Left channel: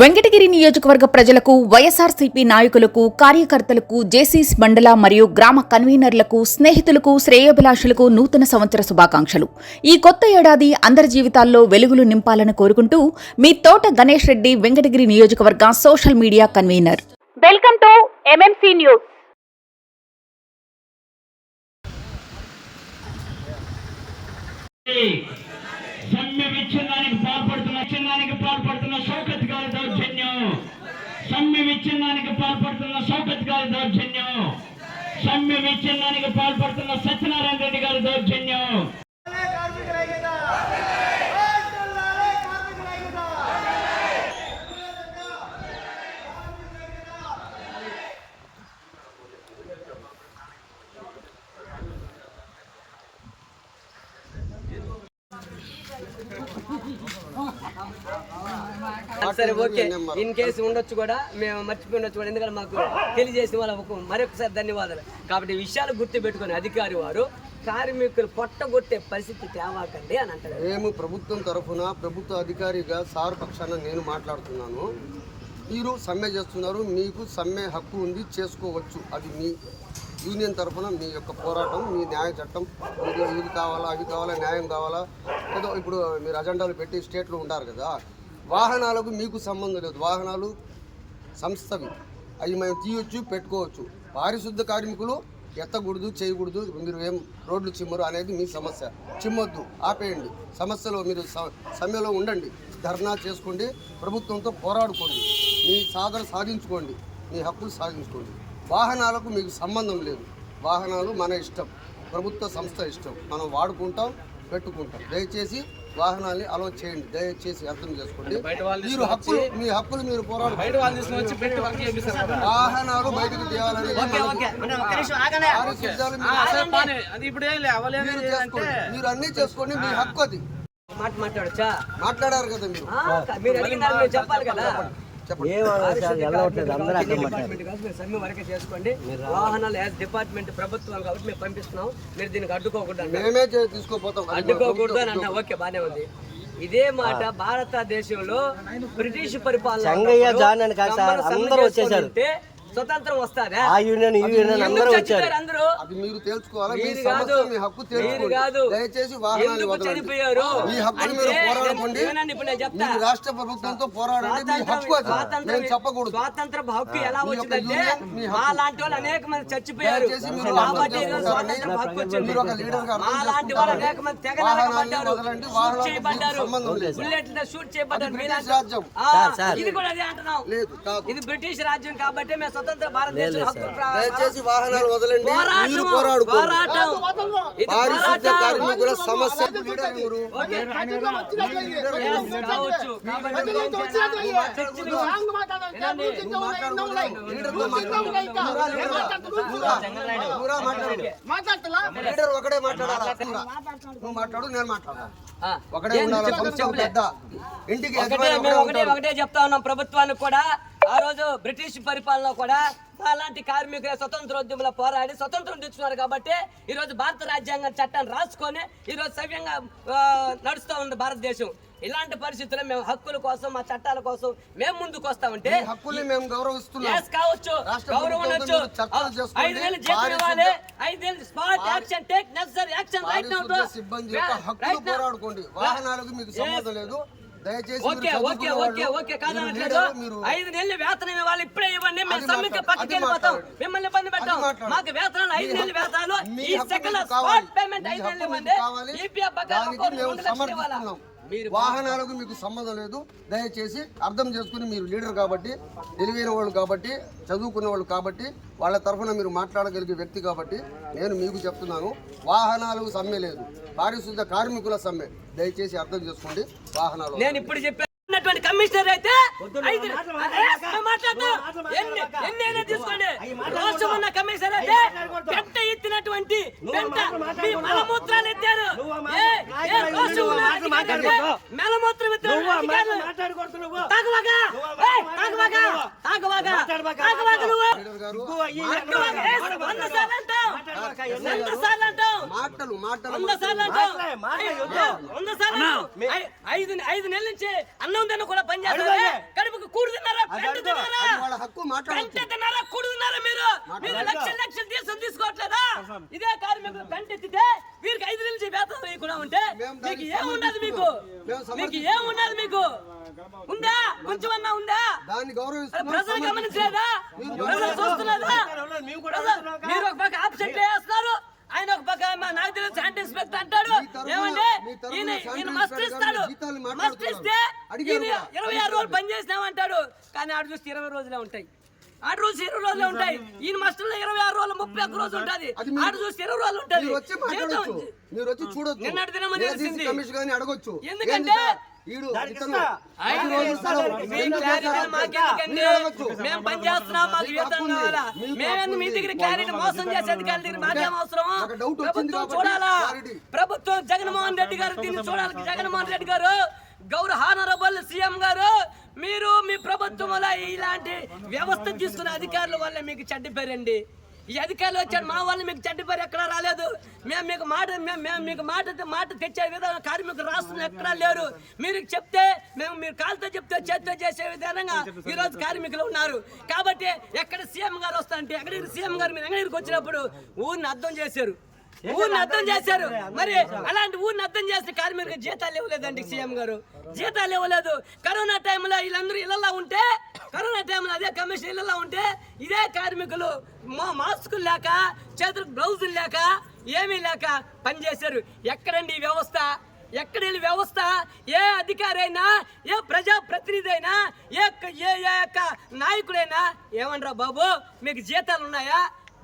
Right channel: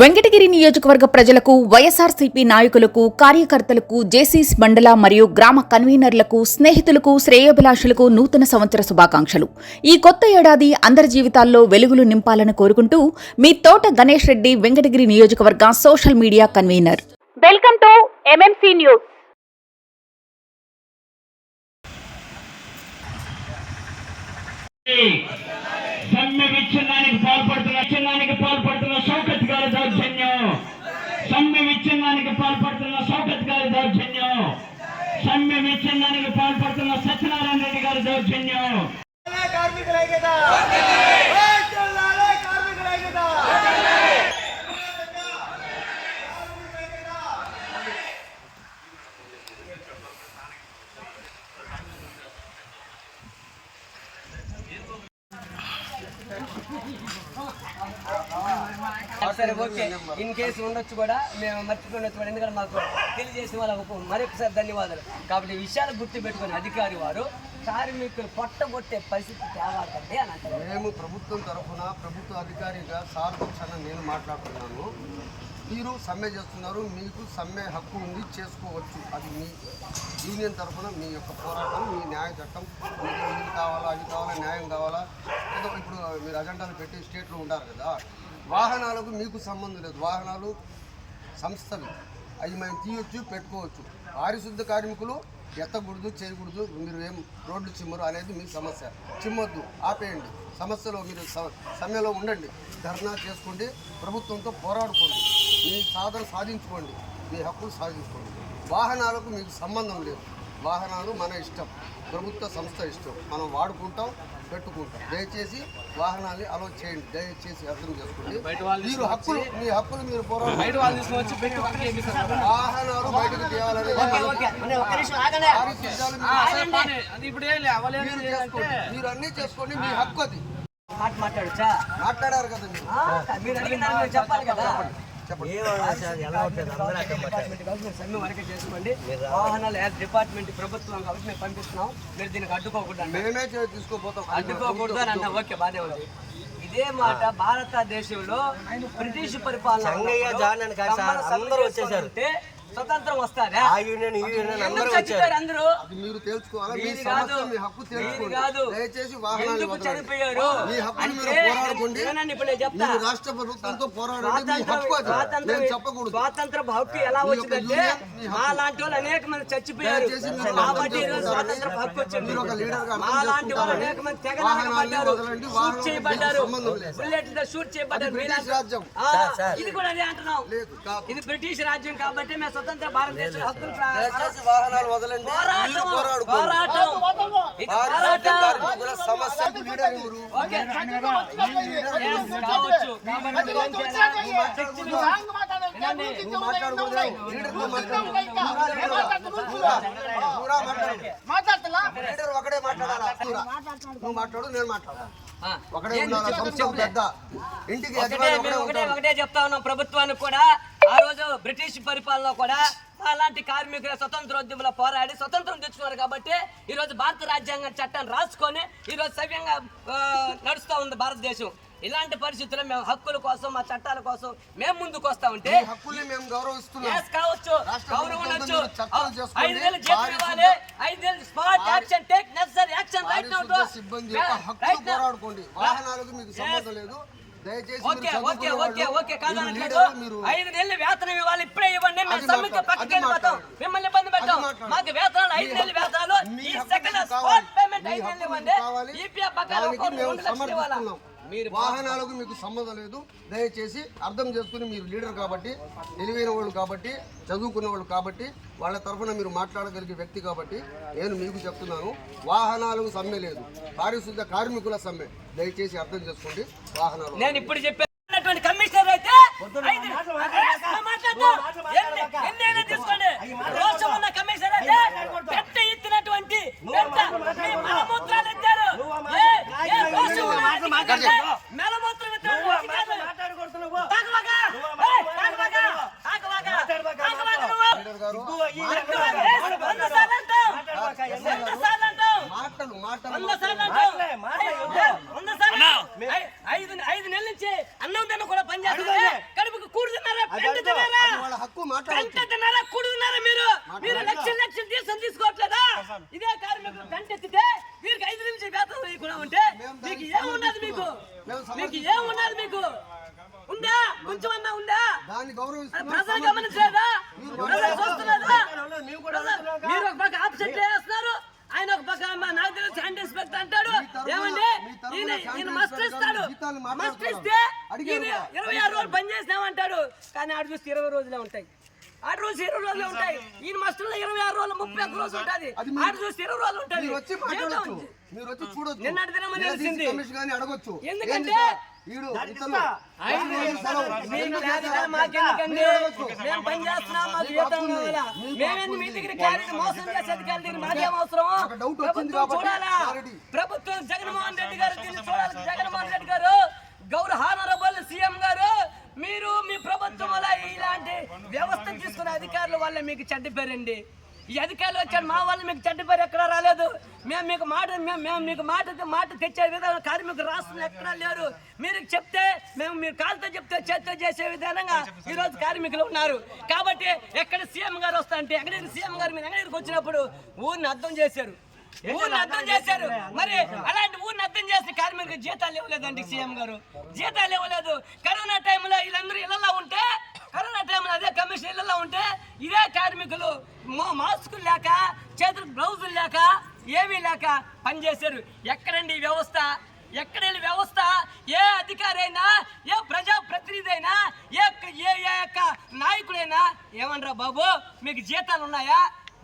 వెంకటగిరి నియోజకవర్గ ప్రజలకు వైఎస్ఆర్సీపీ నాయకులకు కార్యకర్తలకు జేసీస్ మండల మరియు గ్రామ కన్వీనర్లకు స్నేహితులకు శ్రేయోభిలాషులకు నూతన సంవత్సర శుభాకాంక్షలు. ఈ కొత్త ఏడాది అందరి జీవితాల్లో వెలుగులు నింపాలని కోరుకుంటూ మీ తోట గణేష్ రెడ్డి వెంకటగిరి నియోజకవర్గ social media convener. Welcome to MMC news సమ్మె విచ్ఛిన్నానికి పాల్పడుతున్న విచ్ఛిన్నానికి పాల్పడుతున్న షౌకత్ గారి దౌర్జన్యం సమ్మె విచ్ఛిన్నానికి పాల్పడుతున్న షౌకత్ గారి దౌర్జన్యం. సమ్మె విచ్ఛిన్నానికి పాల్పడుతున్న సత్యనారాయణ రెడ్డి గారి దౌర్జన్యం. సరే ఓకే. ఇన్ కేసు ఉండొచ్చు కూడా మేము మర్చిపోయి ఉండొచ్చు కూడా. ఎందుకంటే మాకు తెలియజేసిన వాళ్ళకు మరొకసారి ధన్యవాదాలు. కాబట్టి విషయాలు గుర్తు పెట్టుకుని అధికారి వారు కార్మికులు పొట్టగొట్టే పరిస్థితి తేవాకండి అని అంటారు. మేము ప్రభుత్వం తరఫున ప్రభుత్వ అధికారిగా సార్ పక్షాన నేను మాట్లాడుతున్నాను. మీరు సమ్మె చేస్తున్నారు మీకు సమ్మె హక్కు ఉంది చేసుకోవచ్చు. అది మీ యూనియన్ తరఫున మీ యొక్క పోరాటం మీ న్యాయ చట్టం. మీకు ఇది కావాలా అది కావాలా న్యాయం కావాలా? ఏదో ఇప్పుడు మీరు అజెండాలు పెట్టి స్టేట్లో ఉంటారు కదా వాహనాలకు మీకు సంబంధం లేదు. వాహనాలు సంస్థవి. అవి మేము తీయొచ్చు పెట్టుకోవచ్చు. పారిశుద్ధ కార్మికులు ఎత్తకూడదు చేయకూడదు మీరు ఏం రోడ్లు చిమ్మరు అనేది మీ సమస్య. చిమ్మొద్దు ఆపేయండి. సమస్యలో మీరు సమయంలో ఉండండి. ధర్నా చేసుకోండి ప్రభుత్వంతో పోరాడుకోండి. మీ సాధన సాధించుకోండి. మీ హక్కులు సాధించుకోండి. వాహనాలకు మీకు సంబంధం లేదు. వాహనాలు మన ఇష్టం. ప్రభుత్వ సంస్థ ఇష్టం. మనం వాడుకుంటాం పెట్టుకుంటాం. దయచేసి వాహనాల్ని అలౌ చేయండి దయచేసి అర్థం చేసుకోండి. మీరు హక్కులు మీ హక్కులు మీరు వాహనాలు బయటకు తీయాలని మీరు అన్ని చేసుకోండి మీ హక్కు అది. మాట మాట్లాడచ్చా? మాట్లాడారు కదా మీరు. మీరు అడిగిన దానికి మీరు చెప్పాలి కదా. చేసుకోండి. వాహనాలు యాజ్ డిపార్ట్మెంట్ ప్రభుత్వం కాబట్టి మేము పంపిస్తున్నాం. మీరు దీనికి అడ్డుకోకూడదు. మేమే తీసుకోపోతాం. అడ్డుకోకూడదు అని అన్నా ఓకే బానే ఉంది. ఇదే మాట భారతదేశంలో బ్రిటిష్ పరిపాలన స్వతంత్రం వస్తారా? ఎందుకు చచ్చిపోయారు అందరూ? అది మీరు తేల్చుకోవాలా మీ మీరు సమస్య కాదు. మీ హక్కు మీరు తేల్చుకోండి కాదు. దయచేసి వాహనాలు ఎందుకు వదలండి. చనిపోయారు? మీ హక్కుని అంటే మీరు పోరాడుకోండి. వినండి ఇప్పుడు నేను చెప్తా? మీరు రాష్ట్ర ప్రభుత్వంతో పోరాడండి. మీ హక్కు అది. స్వాతంత్ర నేను చెప్పకూడదు. స్వాతంత్ర హక్కు ఎలా వచ్చిందంటే మీ లాంటి వాళ్ళు అనేక మంది చచ్చిపోయారు. కాబట్టి స్వాతంత్ర. హక్కు వచ్చింది. మా లాంటి వాళ్ళు అనేక మంది తెగ వదలండి, షూట్ చేయబడ్డారు. బుల్లెట్తో షూట్ చేయబడ్డారు. మీలాంటి- ఇది కూడా అదే అంటున్నాం. ఇది బ్రిటిష్ రాజ్యం కాబట్టి మేము స్వతంత్ర భారతదేశం హక్కులు వాహనాలు వదలండి పోరాటం సమస్య కావచ్చు ఒకడే మాట్లాడాలా. నువ్వు మాట్లాడు నేను ఇంటికి ఒకటే ఒకటే. ఒకటే చెప్తా ఉన్నాం ప్రభుత్వానికి కూడా ఆ రోజు బ్రిటిష్ పరిపాలన కూడా అలాంటి కార్మికుల స్వతంత్రోద్యమంలో పోరాడి స్వతంత్రం తెచ్చుకున్నారు కాబట్టి ఈ రోజు భారత రాజ్యాంగం చట్టాన్ని రాసుకొని ఈ రోజు సవ్యంగా నడుస్తూ ఉంది భారతదేశం. ఇలాంటి పరిస్థితుల్లో మేము హక్కుల కోసం మా చట్టాల కోసం మేము ముందుకు వస్తా ఉంటే కావచ్చు. గౌరవం ఉండొచ్చు. ఐదు వేలు జీతం ఇవ్వాలి. ఐదు వేలు smart action take necessary action right now పారిశుద్ధ్య సిబ్బంది ఓకే ఓకే ఓకే ఓకే కాదనట్లేదు ఐదు నెలలు వేతనం ఇవ్వాలి ఇప్పుడే ఇవ్వండి మేము సమ్మెకి పక్కకి వెళ్ళిపోతాం. మిమ్మల్ని ఇబ్బంది పెట్టాం. మాకు వేతనాలు ఐదు నెలలు వేతనాలు ఈ సెకండ్ స్పాట్. పేమెంట్ ఐదు నెలలు ఇవ్వండి. ఈపీఎఫ్ మేము రెండు లక్షలు ఇవ్వాలా వాహనాలకు మీకు సంబంధం లేదు. దయచేసి అర్థం చేసుకుని మీరు లీడర్ కాబట్టి తెలివైన వాళ్ళు కాబట్టి చదువుకున్న వాళ్ళు కాబట్టి వాళ్ళ తరఫున మీరు మాట్లాడగలిగే వ్యక్తి కాబట్టి నేను మీకు చెప్తున్నాను వాహనాలకు సమ్మె లేదు. పారిశుద్ధ కార్మికుల సమ్మె. దయచేసి అర్థం చేసుకోండి వాహనాలు నేను ఇప్పుడు చెప్పే ఉన్నటువంటి కమిషనర్ అయితే ఐదు- మేము మాట్లాడతాం. ఎన్ని ఎన్నైనా తీసుకోండి రోషం ఉన్న కమిషనర్ అయితే గట్ట ఎత్తినటువంటి పెంట మీ మలమూత్రాలు ఎత్తారు ఏ- ఏ రోషం ఉన్న అధికారులు అంటే మలమూత్రం ఎత్తిన అధికారులు తాగవాగా ఏయ్, తాగవాగా తాగవాగా తాగవాగా నువ్వు లీడర్ గారు తాగవాగా. ఏ, వంద సార్లు అంటావు వంద సార్లు అంటావు మాటలు మాటలు ఐదు ఐదు నెలల నుంచి అన్నం తిన్న కూడా పని చేస్తావు? కడుపుకు కూడు తిన్నారా? పెంట తిన్నారా? హక్కు పెంట తిన్నారా? కూడు తిన్నారా మీరు? మీరు లక్షలు లక్షలు తీసుకొని తీసుకోవట్లేదా? ఇదే కార్మికులు పెంట ఎత్తితే వీరికి ఐదు నుంచి వేతనం వేయకుండా ఉంటే మీకు ఏమున్నది మీకు. మీకు ఏమున్నది మీకు? ఉందా? కొంచెమన్నా ఉందా? దాన్ని గౌరవిస్తున్నాం ప్రజలు గమనించలేదా? ప్రజలు చూస్తున్నారా మీరు ఒక పక్క ఆబ్సెంట్ వేస్తున్నారు ఆయన ఒక పక్క మా నాకు తెలిసి హ్యాండ్ ఇన్స్పెక్టర్ అంటాడు ఏమండి? ఈయన శాంతి ఈయన మస్తు ఇన్స్పెక్టర్ ఇస్తాడు. గారు జీతాలు మస్తు మాట్లాడుతున్నారు. ఇస్తే అడిగారు ఈయన కూడా. ఇరవై ఆరు రోజులు పని చేసినామంటాడు. కానీ ఆడు చూస్తే ఇరవై రోజులే ఉంటాయి. ఆడు రోజు ఇరవై రోజులే ఉంటాయి. ఈయన మస్తుల్లో ఇరవై ఆరు రోజులు ముప్పై ఒక్క రోజు ఉంటుంది. ఆడు చూస్తే ఇరవై రోజులు ఉంటుంది మీరు వచ్చి మాట్లాడొచ్చు. మీరు వచ్చి చూడొచ్చు. నిన్నటి దినమని నిలదీసి తెలిసింది. అడగొచ్చు. ఎందుకంటే? ఈడు. మేము పని చేస్తున్నాం మాకు వేతనం. కావాలా? మేమేంది మీ. దగ్గర క్లారిటీ మోసం చేసే అధికారుల దగ్గర మాకేం అవసరం నాకు డౌట్ వచ్చింది ప్రభుత్వం కాబట్టి చూడాలా? క్లారిటీ. ప్రభుత్వం జగన్మోహన్ రెడ్డి గారు దీన్ని చూడాలి. జగన్మోహన్ రెడ్డి గారు గౌరవ హానరబుల్ సీఎం గారు మీరు మీ ప్రభుత్వం వల్ల ఇలాంటి వ్యవస్థ తీసుకున్న అధికారుల వల్ల మీకు చెడ్డ పేరండి. ఈ అధికారులు వచ్చారు మా వాళ్ళు మీకు చెడ్డ పేరు ఎక్కడా రాలేదు. మేము మీకు మాట మేము మేము మీకు మాట మాట తెచ్చే విధంగా కార్మికులు రాష్ట్రంలో ఎక్కడా లేరు. మీరు చెప్తే మేము మీరు కాలుతో చెప్తే చేత్తో చేసే విధంగా ఈరోజు కార్మికులు ఉన్నారు. కాబట్టి ఎక్కడ సీఎం గారు వస్తా అంటే ఎక్కడికి సీఎం గారు మీరు ఎక్కడికి వచ్చినప్పుడు ఊరిని అర్థం చేశారు. ఊరిని అర్థం చేశారు. మరి అలాంటి ఊరిని అర్థం చేసిన కార్మికులకు జీతాలు ఇవ్వలేదండి సీఎం గారు. జీతాలు ఇవ్వలేదు. కరోనా టైంలో వీళ్ళందరూ ఇళ్ళలో ఉంటే కరోనా టైంలో అదే కమిషన్ ఇళ్ళలో ఉంటే ఇదే కార్మికులు మాస్కులు లేక చేతులకు బ్లౌజులు లేక ఏమీ లేక పనిచేశారు ఎక్కడండి ఈ వ్యవస్థ? ఎక్కడెళ్ళి వ్యవస్థ? ఏ అధికారి అయినా ఏ ప్రజాప్రతినిధి అయినా ఏ ఏ ఏ యొక్క నాయకుడైనా ఏమనరా బాబు మీకు జీతాలు ఉన్నాయా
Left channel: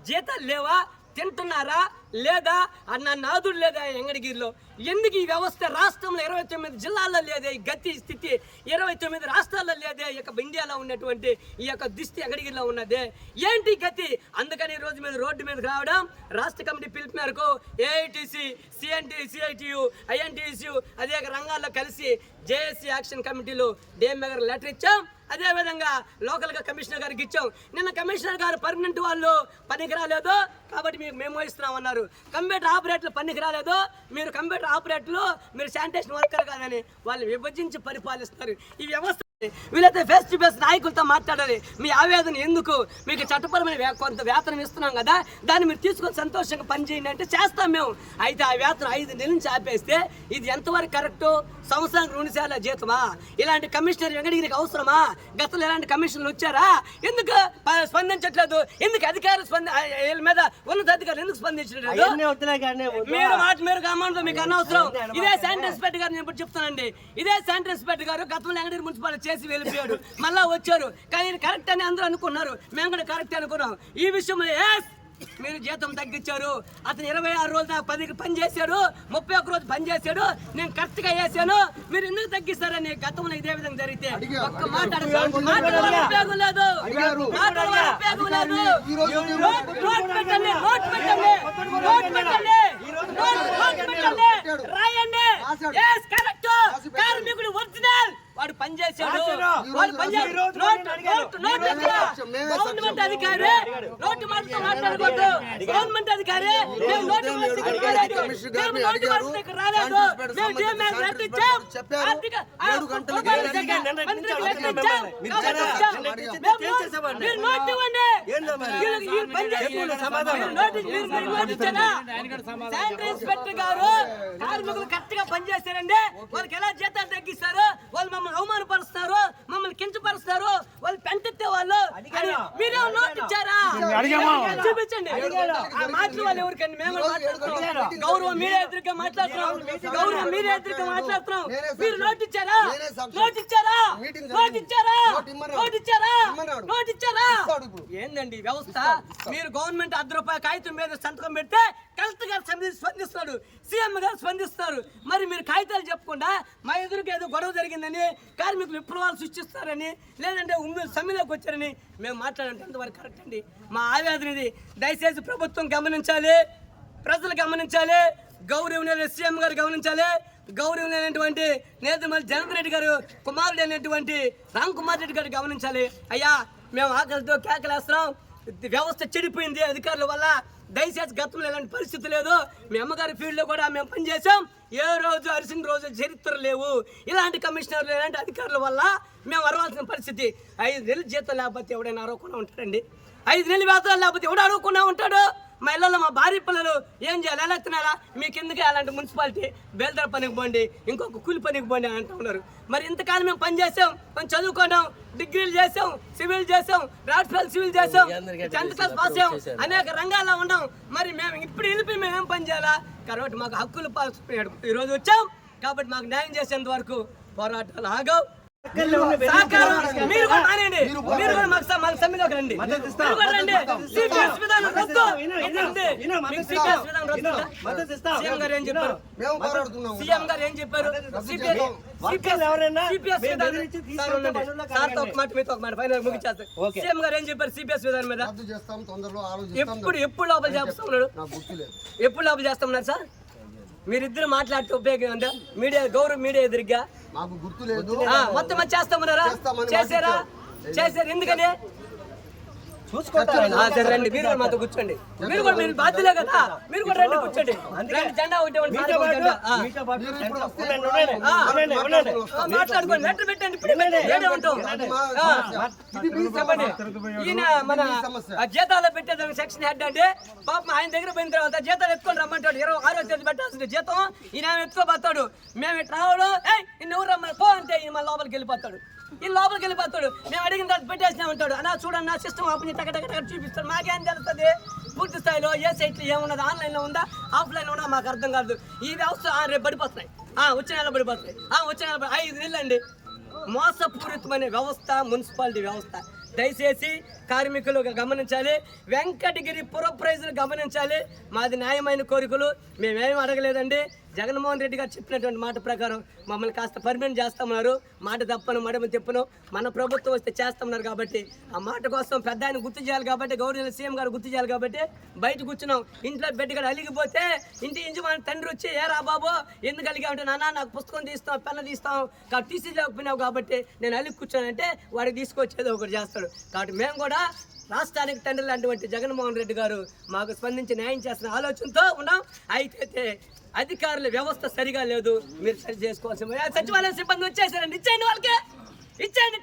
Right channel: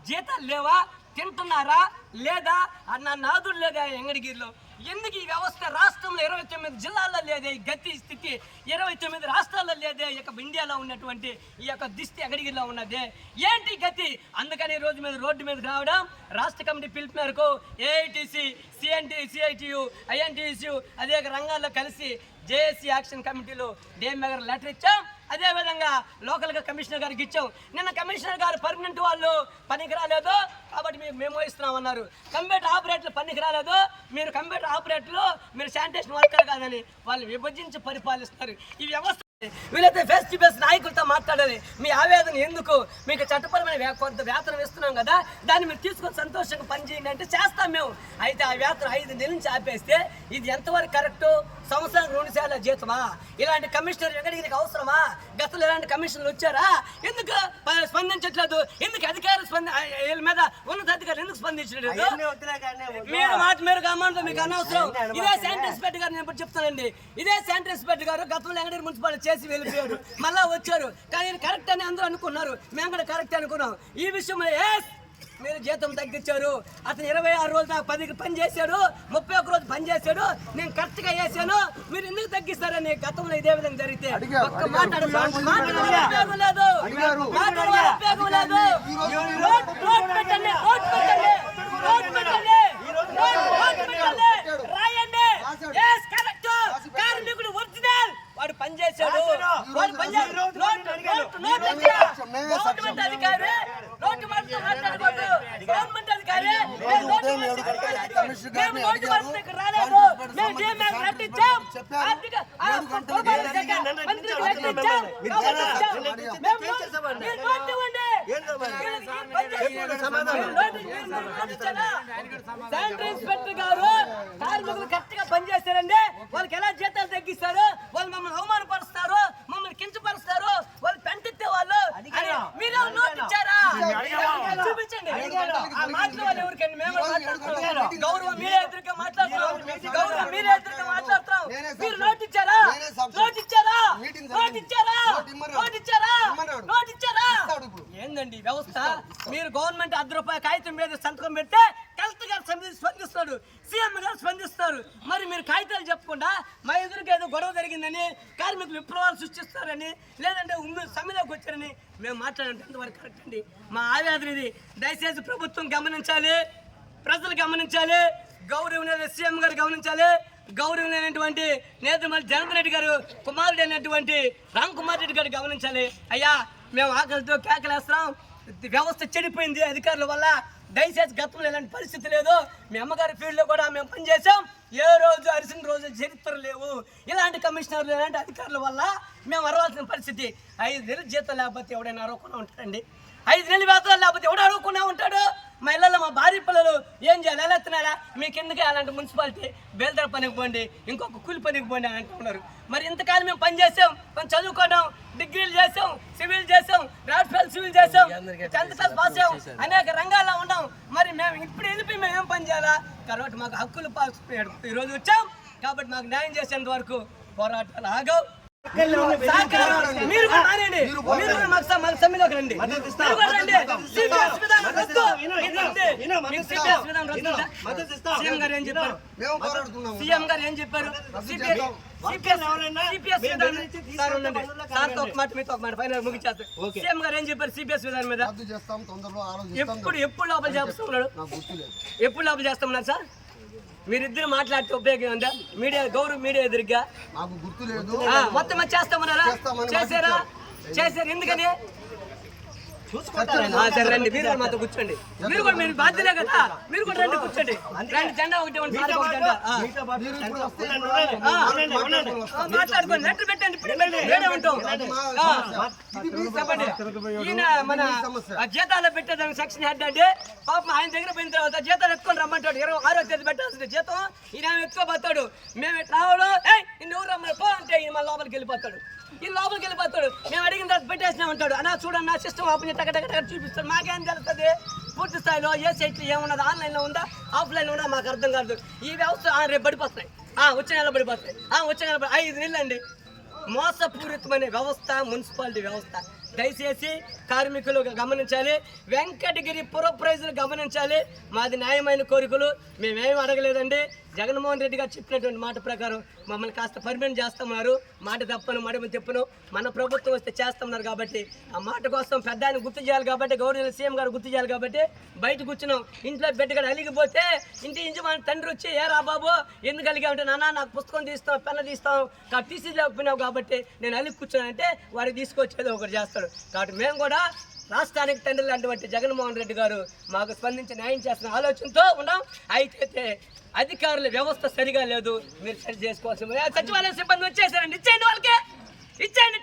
జీతాలు లేవా? తింటున్నారా? లేదా అన్న నాదుడు లేదా ఎంగడిగిరిలో? ఎందుకు ఈ వ్యవస్థ రాష్ట్రంలో ఇరవై తొమ్మిది జిల్లాల్లో లేదే ఈ గతి స్థితి ఇరవై తొమ్మిది రాష్ట్రాల్లో లేదే ఈ యొక్క ఇండియాలో ఉన్నటువంటి ఈ యొక్క దిష్టి ఎంగడిగిరిలో ఉన్నదే? ఏంటి గతి? అందుకని ఈ రోజు మీద రోడ్డు మీద రావడం రాష్ట్ర కమిటీ పిలుపు మేరకు ఏఐటిసి సిఎన్టీ సిఐటియు ఐఎన్టీసీ అదే రంగాల్లో కలిసి జేఏసీ యాక్షన్ కమిటీలో డిఎంఏ గారు లెటర్ ఇచ్చాం. అదేవిధంగా లోకల్గా లోకల్గా కమిషనర్ గారికి ఇచ్చాం. నిన్న కమిషనర్ గారు పర్మనెంట్ వాళ్ళు పనికి రాలేదు కాబట్టి మీరు మేము ఇస్తున్నాం అన్నారు కంప్యూటర్ ఆపరేటర్లు పనికి రాలేదు. మీరు కంప్యూటర్ ఆపరేటర్లు మీరు శానిటేషన్ వర్కర్ కాదని వాళ్ళు విభజించి పరిపాలిస్తున్నారు. ఈ వ్యవస్థ వీళ్ళైతే ఫేస్ టు ఫేస్ నాయకులతో మాట్లాడాలి. మీ ఆవేదన ఎందుకు? మీకు చట్టపరమైన కొంత వేతనం ఇస్తున్నాం కదా దాన్ని మీరు తీసుకొని సంతోషంగా పనిచేయండి అంటే చేస్తాం మేము. అయితే ఆ వేతనం ఐదు నెలల నుంచి ఆపేస్తే ఇది ఎంతవరకు కరెక్ట్ సంవత్సరానికి రెండు సార్లు జీతమా? ఇలాంటి కమిషనర్ వెంకటగిరికి అవసరమా? గతంలో ఇలాంటి కమిషన్లు వచ్చారా? ఎందుకు? స్పందించట్లేదు. ఎందుకు అధికారులు స్పంది వీళ్ళ మీద ఉన్నతాధికారులు ఎందుకు స్పందించలేదు మీరు మాట మీరు గమనంతో మీకు అనవసరం. ఇదే శానిటరీ ఇన్స్పెక్టర్ గారు నేను ఇప్పుడు చెప్తానండి. ఇదే శానిటరీ ఇన్స్పెక్టర్ గారు గతంలో వెంకటగిరి మున్సిపాలిటీ చేసి వెళ్ళిపోయాడు. మళ్ళా వచ్చారు. కానీ కరెక్ట్ అని అందరూ అనుకున్నారు. మేము కూడా కరెక్ట్ అనుకున్నాం. ఈ విషయంలో ఎస్ మీరు జీతం తగ్గించారు. అతను ఇరవై ఆరు రోజులు నాకు పదికి పని చేశాడు. ముప్పై ఒక్క రోజు పని చేశాడు. నేను కరెక్ట్గా చేశాను. మీరు ఎందుకు తగ్గిస్తారని గతంలో ఇదే విధంగా జరిగితే. ఒక్క. మాట్లాడ ఉపయోగం లేదు. ఉపయోగం లేదు. పెట్టండి. పెట్టండి. పెట్టండి. పెట్టండి. రాయండి. కార్మికుడు ఒరిజినల్. వాడు పని చేశాడు. వాడు పని గవర్నమెంట్. అధికారి నోటు మాటతో మాట్లాడకూడదు. గవర్నమెంట్ అధికారి? శానిటరీ ఇన్స్పెక్టర్ గారు కార్మికులు కరెక్ట్గా పనిచేస్తారండి వాళ్ళకి ఎలా జీతాలు తగ్గిస్తారు? వాళ్ళు మమ్మల్ని అవమానపరుస్తారు మమ్మల్ని కించపరుస్తారు వాళ్ళు పెంటితే వాళ్ళు. అని మీరే నోట్ ఇచ్చారా చూపించండి. ఆ మాటలు వాళ్ళు ఎవరికండి? మేము మాట్లాడుతున్నాం గౌరవం మీరే ఎదురుగా మాట్లాడుతున్నాం గౌరవం మీరే ఎదురుగా మాట్లాడుతున్నాం మీరు నోట్ ఇచ్చారా. నోట్ ఇచ్చారా నోట్. ఇచ్చారా నోట్ ఇచ్చారా. నోట్ ఇచ్చారా. ఏందండి వ్యవస్థ? మీరు గవర్నమెంట్ అర్ధ రూపాయల కాగితం మీద సంతకం పెడితే కలెక్టర్ గారు స్పంది- స్పందిస్తాడు. సీఎం గారు స్పందిస్తారు మరి మీరు కాగితాలు చెప్పకుండా మా ఎదురుకి ఏదో గొడవ జరిగిందని కార్మికులు విప్లవాలు సృష్టిస్తారని లేదంటే ఉమ్మడి సమ్మెలోకి వచ్చారని మేము మాట్లాడంటే ఎంతవరకు కరెక్ట్ అండి? మా ఆవేదన ఇది. దయచేసి ప్రభుత్వం గమనించాలి. ప్రజలు గమనించాలి. గౌరవనీయ సీఎం గారు గమనించాలి. గౌరవమైనటువంటి నేతమల్లి జగన్ రెడ్డి గారు కుమారుడు అయినటువంటి రామ్ కుమార్ రెడ్డి గారు గమనించాలి. అయ్యా మేము ఆకలితో కేకలేస్తున్నాం. వ్యవస్థ చెడిపోయింది అధికారుల వల్ల. దయచేసి గతంలో ఇలాంటి పరిస్థితి లేదు మీ అమ్మగారి ఫీల్డ్లో కూడా మేము పనిచేసాం ఏ రోజు అరిసిన రోజు చరిత్ర లేవు. ఇలాంటి కమిషనర్లు ఇలాంటి అధికారుల వల్ల మేము అరవాల్సిన పరిస్థితి. ఐదు నెలలు జీతం లేకపోతే ఎవడైనా అరవకుండా ఉంటాడండి. ఐదు నెలలు వేతనాలు లేకపోతే ఎవడు అడగకుండా ఉంటాడు? మా ఇళ్ళలో మా భార్య పిల్లలు ఏం చేయాలి? ఎలా మీకు ఎందుకు అలాంటి మున్సిపాలిటీ? బేల్దర పనికి పోండి ఇంకొక కూలి పనికి పోండి అని అంటూ ఉన్నారు. మరి ఇంతకాలం మేము పని చేసాం. మేము చదువుకున్నాం డిగ్రీలు చేసాం సివిల్ చేసాం రాడ్ఫెల్ సివిల్ చేసాం టెన్త్ క్లాస్ పాస్ అయ్యాం అనేక రంగాల్లో ఉన్నాం. మరి మేము ఇప్పుడు వెళ్ళిపోయి మేము ఏం పని చేయాలా? కాబట్టి మాకు హక్కులు పాస్ ఈరోజు వచ్చాం కాబట్టి మాకు న్యాయం చేసేంత వరకు పోరాటాలు ఆగవు మీరు కూడా మానేయండి. మీరు కూడా మాకు స- మాకు సమ్మెలోకి రండి. మీరు కూడా రండి. CPS విధానం రద్దు. ఏంటంటే, మీకు CPS విధానం రద్దు ఉందా? సీఎం గారు ఏం చెప్పారు? సీఎం గారు ఏం సీఎం గారు ఏం సిపిఎస్ విధానం మీద? ఎప్పుడు ఎప్పుడు లోపల చేస్తా ఉన్నాడు నాకు గుర్తులేదు. ఎప్పుడు లోపల చేస్తా సార్? మీరిద్దరు మాట్లాడితే ఉపయోగం ఉందా? మీడియా గౌరవ మీడియా ఎదురుగా? నాకు గుర్తులేదు ఆ, మొత్తం చేస్తామన్నారా చేస్తామని చేశారా. చేశారు. ఎందుకని? రండి మీరు కూడా మాతో కూర్చోండి. మీరు కూడా మీరు బాధ్యులే కదా? మీరు కూడా రండి కూర్చోండి. రండి జెండా ఒకటి మాట్లాడుకోండి నెట్ పెట్టండి ఇప్పుడు. ఏడే ఉంటాం. ఈయన మన జీతాలు పెట్టేదానికి సెక్షన్ హెడ్ అంటే పాపం ఆయన దగ్గర పోయిన తర్వాత జీతాలు ఎత్తుకొని రమ్మంటాడు. ఇరవై ఆరో తేదీ పెట్టాల్సింది జీతం. ఈయన ఎత్తుకోపోతాడు మేము రావడం ఏయ్ నిన్ను ఎవరు రమ్మని? పో అంటే ఈయన మన లోపలికి వెళ్ళిపోతాడు. ఈ లోపలికి వెళ్ళిపోతాడు. మేము అడిగిన తర్వాత పెట్టేసినా ఉంటాడు. అన్నా చూడండి నా సిస్టమ్ ఓపెన్ టక టక టక చూపిస్తాడు. మాకేం తెలుస్తుంది? పూర్తి స్థాయిలో ఏ సైట్లో ఏమున్నది? ఆన్లైన్లో ఉందా? ఆఫ్లైన్లో ఉందా? మాకు అర్థం కాదు ఈ వ్యవస్థ ఆ, రేపు పడిపోతున్నాయి. ఆ, వచ్చే నెల పడిపోతాయి ఆ, వచ్చే నెల పడి- ఐదు నెలలు అండి మోసపూరితమైన వ్యవస్థ మున్సిపాలిటీ వ్యవస్థ. దయచేసి కార్మికులు గమనించాలి. వెంకటగిరి పుర గమనించాలి. మాది న్యాయమైన కోరికలు మేమేం అడగలేదండి. జగన్మోహన్ రెడ్డి గారు చెప్పినటువంటి మాట ప్రకారం మమ్మల్ని కాస్త పర్మనెంట్ చేస్తామన్నారు మాట తప్పను మడమ తిప్పను. మన ప్రభుత్వం వస్తే చేస్తామన్నారు కాబట్టి ఆ మాట కోసం పెద్ద ఆయన గుర్తు చేయాలి కాబట్టి గౌరవ సీఎం గారు గుర్తు చేయాలి కాబట్టి బయట కూర్చున్నాం. ఇంట్లో బిడ్డగాడు అలిగిపోతే ఇంటి ఇంటి మన తండ్రి వచ్చి ఏ రా బాబు ఎందుకు అలిగామంటే నాన్న నాకు పుస్తకం తీస్తాం పెన్న తీస్తాం కాబట్టి తీసి లేకపోయినావు కాబట్టి నేను అలిగి కూర్చోనంటే వాడికి తీసుకొచ్చేది ఒకటి చేస్తాడు. కాబట్టి మేము కూడా రాష్ట్రానికి తండ్రి లాంటి జగన్మోహన్ రెడ్డి గారు మాకు స్పందించి న్యాయం చేస్తున్న ఆలోచనతో ఉన్నాం. అయితే అధికారుల వ్యవస్థ సరిగా లేదు. మీరు సరి చేసుకోవాల్సి సచివాలయం సచివాలయ సిబ్బంది వచ్చేసారండి ఇచ్చేయండి వాళ్ళకి. ఇచ్చేయండి.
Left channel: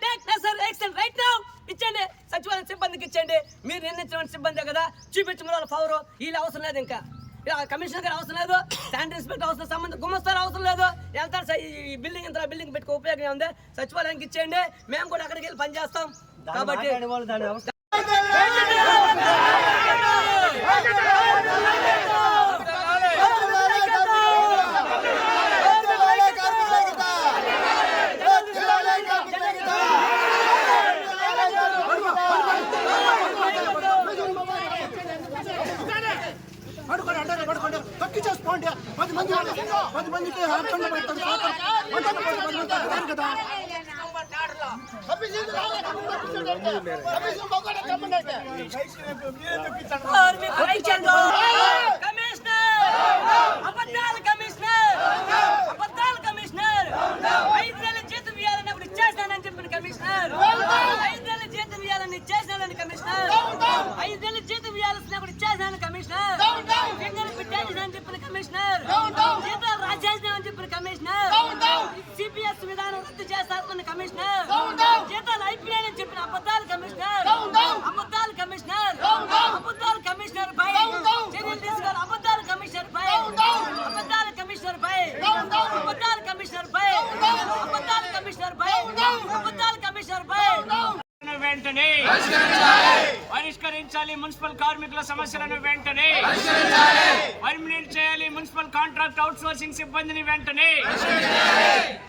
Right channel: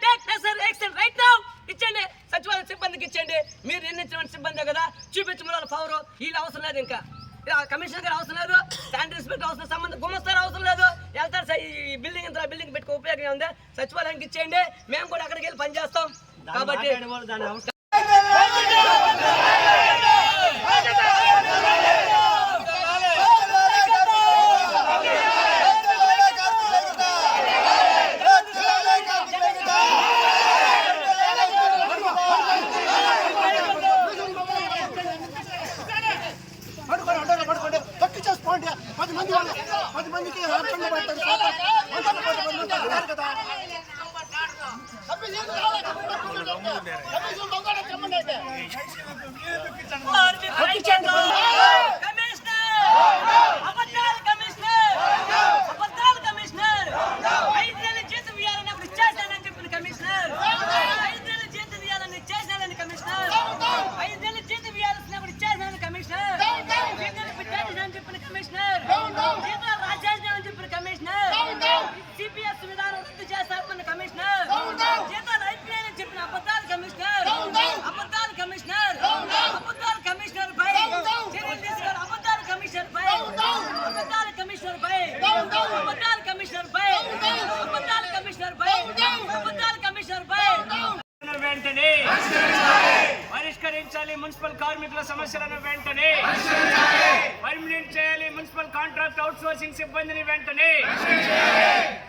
రైట్ నౌ ఇచ్చేయండి. సచివాలయ సిబ్బందికి ఇచ్చేయండి. మీరు నిర్ణయించిన సిబ్బందే కదా? చూపించమని వాళ్ళ పవర్ వీళ్ళు అవసరం లేదు ఇంకా. కమిషనర్ గారు అవసరం లేదు. శానిటరీ ఇన్స్పెక్టర్ అవసరం సంబంధం గుమస్తారు అవసరం లేదు. వెళ్తారు. ఈ బిల్డింగ్ ఇంత బిల్డింగ్ పెట్టుకో. ఉపయోగం ఉంది సచివాలయానికి ఇచ్చేయండి. మేము కూడా అక్కడికి వెళ్ళి పనిచేస్తాం కాబట్టి పడుకోండి అంటారు పడుకోండి తక్కి చేసుకోండి పది మంది పది మందికి అర్థం పెడతారు కదా. కమిషనర్. రాజేసిన అని చెప్పిన కమిషనర్. సిపిఎస్ విధానం రద్దు చేస్తామని కమిషనర్. జీతాలు ఐపీఎల్ అని చెప్పిన అబద్ధాల కమిషనర్. అబద్ధాల కమిషనర్. అబద్ధాల కమిషనర్ పై చర్యలు తీసుకోవాలి. అబద్ధాల కమిషనర్ పై అబద్ధాల కమిషనర్ పై అబద్ధాల కమిషనర్ పై అబద్ధాల కమిషనర్ పై అబద్ధాల కమిషనర్ పై వెంటనే పరిష్కరించాలి మున్సిపల్ కార్మికుల సమస్యలను వెంటనే కాంట్రాక్ట్ అవుట్ సోర్సింగ్ సిబ్బందిని వెంటనే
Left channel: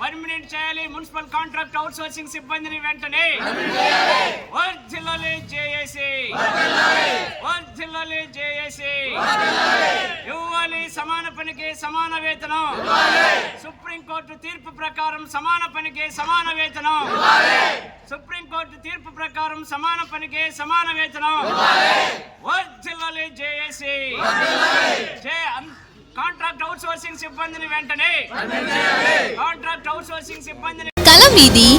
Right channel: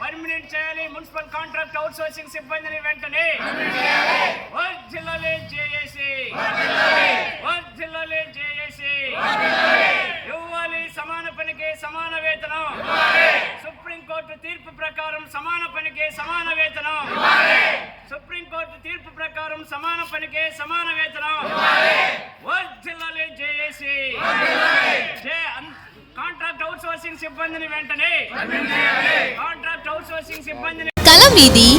పర్మినెంట్ చేయాలి. మున్సిపల్ కాంట్రాక్ట్ అవుట్ సోర్సింగ్ సిబ్బందిని వెంటనే వర్ధిల్లాలి జేఏసీ. వర్ధిల్లాలి జేఏసీ. ఇవ్వాలి సమాన పనికి సమాన వేతనం. సుప్రీంకోర్టు తీర్పు ప్రకారం సమాన పనికి సమాన వేతనం. సుప్రీంకోర్టు తీర్పు ప్రకారం సమాన పనికి సమాన వేతనం. వర్ధిల్లాలి చేసి సిబ్బందిని వెంటనే కాంట్రాక్ట్ అవుట్ సోర్సింగ్ సిబ్బందిని కళ నీది